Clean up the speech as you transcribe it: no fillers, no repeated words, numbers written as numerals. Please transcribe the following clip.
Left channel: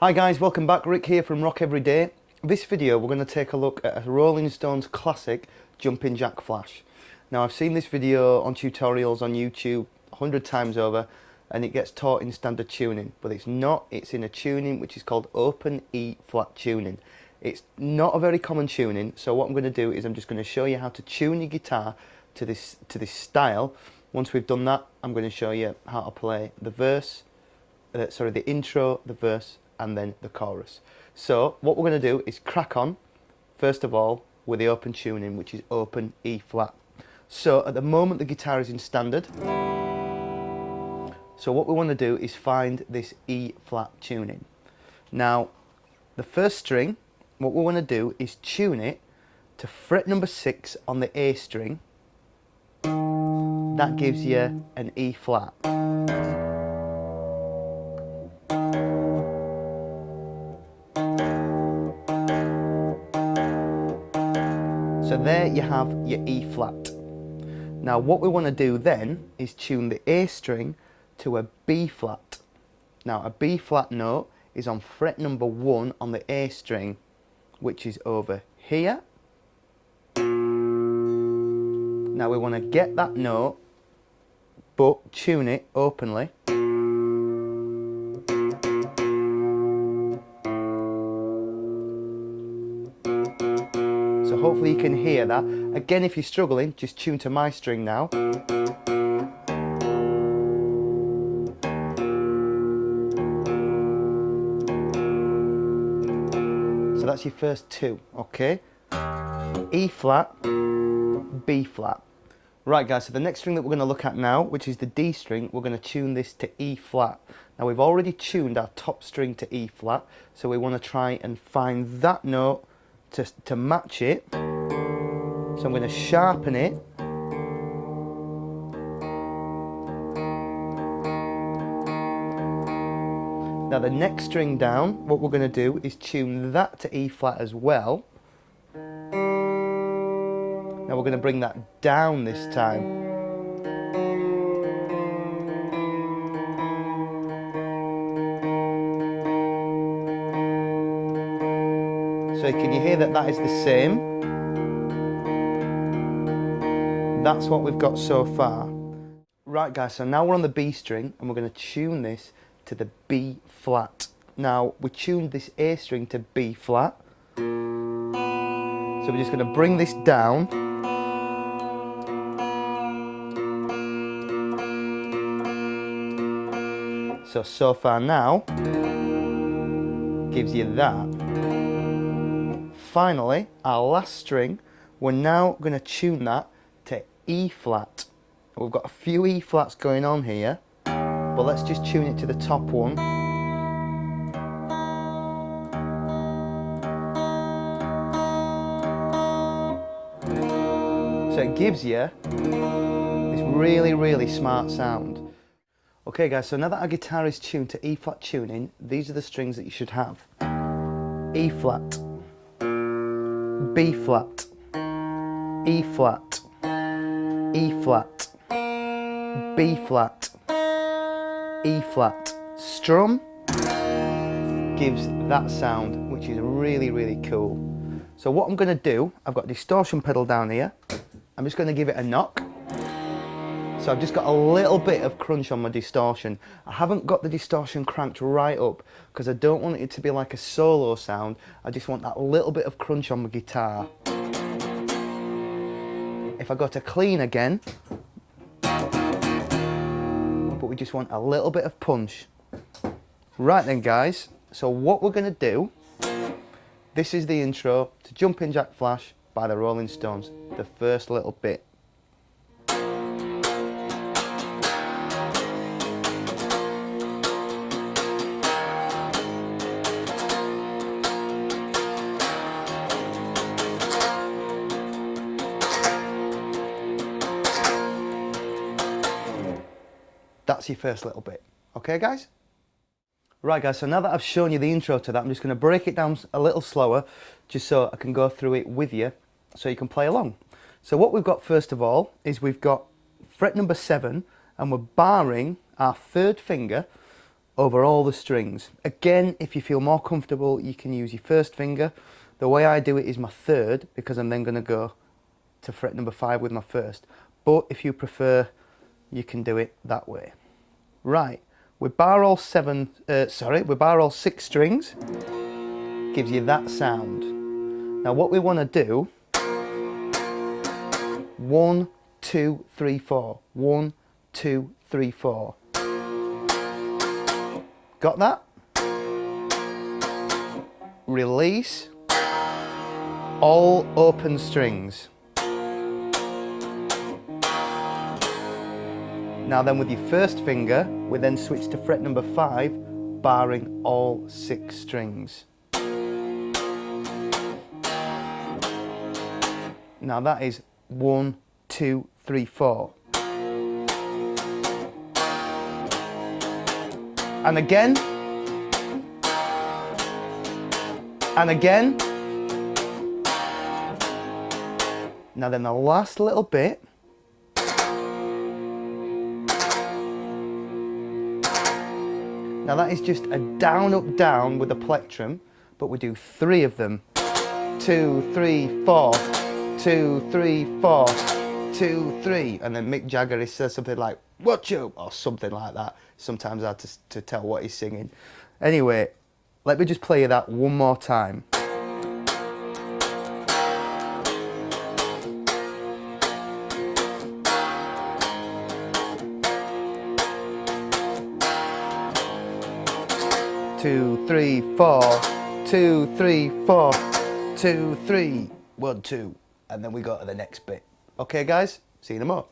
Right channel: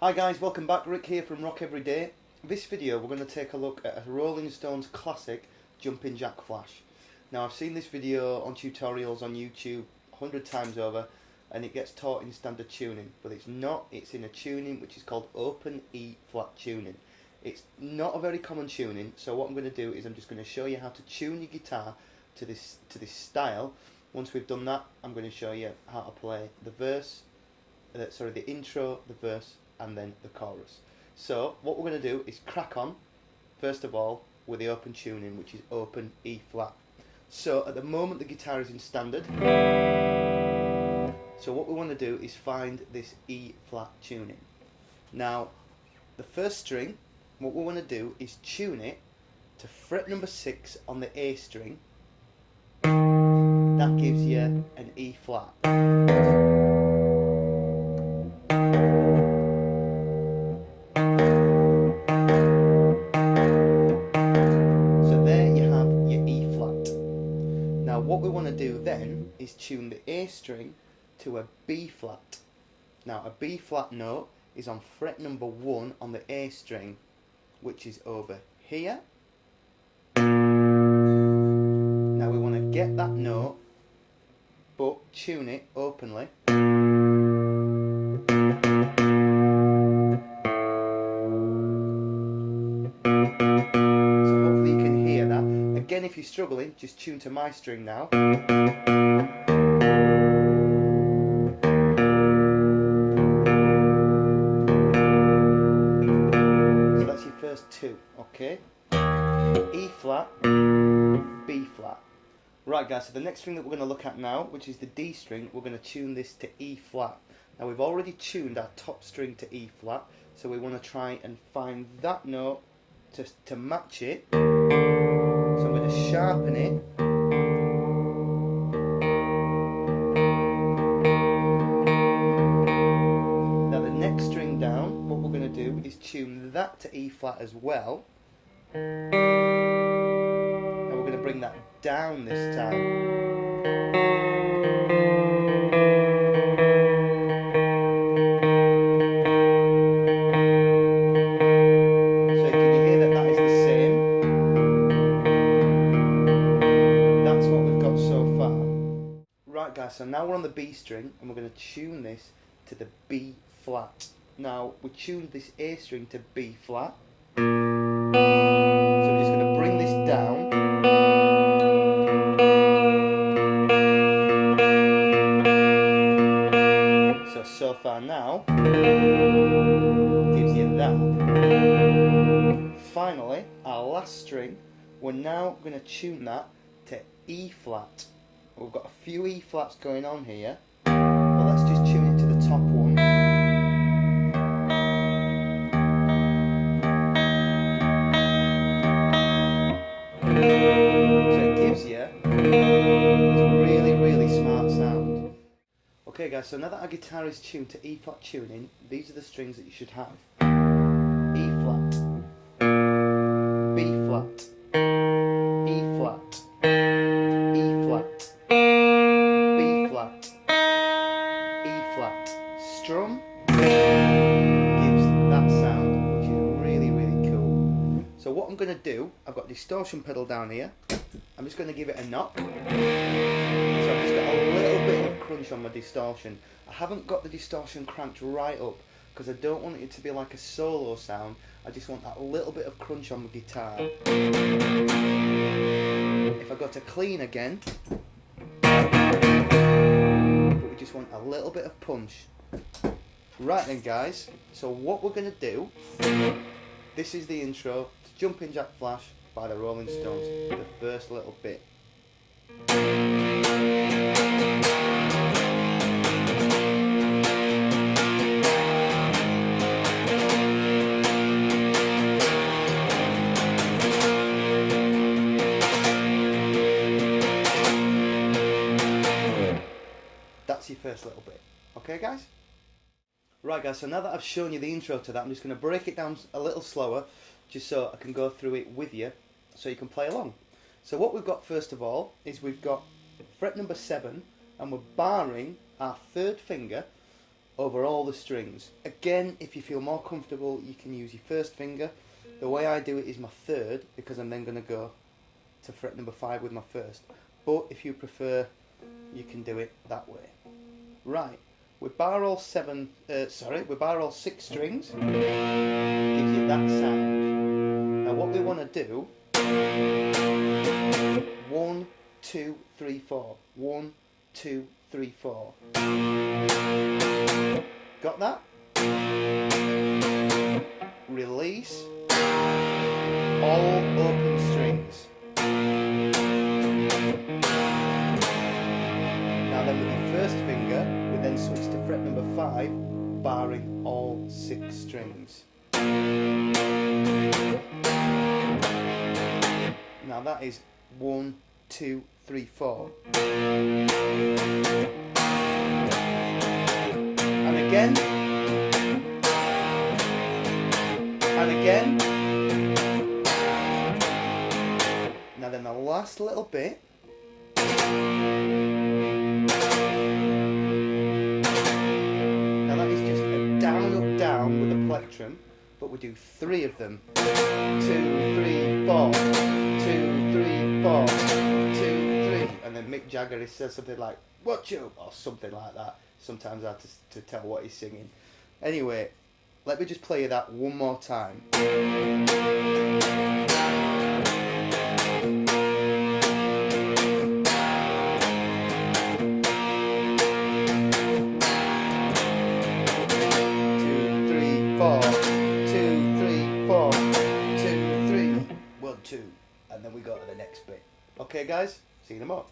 Hi guys, welcome back. Rick here from Rock Every Day. This video we're going to take a look at a Rolling Stones classic, Jumpin Jack Flash. Now I've seen this video on tutorials on YouTube 100 times over and it gets taught in standard tuning, but it's not. It's in a tuning which is called open E flat tuning. It's not a very common tuning, so what I'm going to do is I'm just going to show you how to tune your guitar to this style. Once we've done that, I'm going to show you how to play the verse, the intro, the verse and then the chorus. So what we're going to do is crack on first of all with the open tuning, which is open E flat. So at the moment the guitar is in standard, so what we want to do is find this E flat tuning. Now the first string, what we want to do is tune it to fret number 6 on the A string. That gives you an E flat. So there you have your E flat. Now what we want to do then is tune the A string to a B flat. Now a B flat note is on fret number 1 on the A string, which is over here. Now we want to get that note but tune it openly. Hopefully you can hear that. Again, if you're struggling, just tune to my string now. So that's your first two, okay? E flat, B flat. Right guys, so the next string that we're going to look at now, which is the D string, we're going to tune this to E flat. Now we've already tuned our top string to E flat, so we want to try and find that note to match it. So I'm going to sharpen it. Now the next string down, what we're going to do is tune that to E flat as well. Now we're going to bring that down this time. That is the same. That's what we've got so far. Right guys, so now we're on the B string and we're going to tune this to the B flat. Now we tuned this A string to B flat, so we're just going to bring this down. So far now gives you that. Finally, our last string, we're now going to tune that to E flat. We've got a few E flats going on here, but let's just tune it to the top one. So it gives you this really smart sound. Okay guys, so now that our guitar is tuned to E flat tuning, these are the strings that you should have. E flat, B flat, E flat, E flat, B flat, E flat. Strum gives that sound, which is really cool. So what I'm going to do, I've got a distortion pedal down here. I'm just going to give it a knock. So I've just got a little bit of crunch on my distortion. I haven't got the distortion cranked right up because I don't want it to be like a solo sound. I just want that little bit of crunch on my guitar. If I go to clean again, but we just want a little bit of punch. Right then guys, so what we're going to do, this is the intro to Jumpin Jack Flash by the Rolling Stones, the first little bit. That's your first little bit. Okay guys? Right guys, so now that I've shown you the intro to that, I'm just going to break it down a little slower just so I can go through it with you so you can play along. So what we've got first of all is we've got fret number 7 and we're barring our third finger over all the strings. Again, if you feel more comfortable, you can use your first finger. The way I do it is my third, because I'm then going to go to fret number 5 with my first. But if you prefer, you can do it that way. Right, we bar all 6 strings, gives you that sound. Now what we want to do, 1, 2, 3, 4, 1, 2, 3, 4. Got that? Release, all open strings. Now then with your first finger, we then switch to fret number 5, barring all 6 strings. Now that is 1, 2, 3, 4. And again. And again. Now then the last little bit. Now that is just a down, up, down with a plectrum, but we do 3 of them. 2, 3, 4, 2, 3, 4, 2, 3. And then Mick Jagger says something like, "Watch you," or something like that. Sometimes hard to tell what he's singing. Anyway, let me just play you that one more time. 2, 3, 4, 2, 3, 4, 2, 3, 1, 2, and then we go to the next bit. Okay guys, see you in a moment.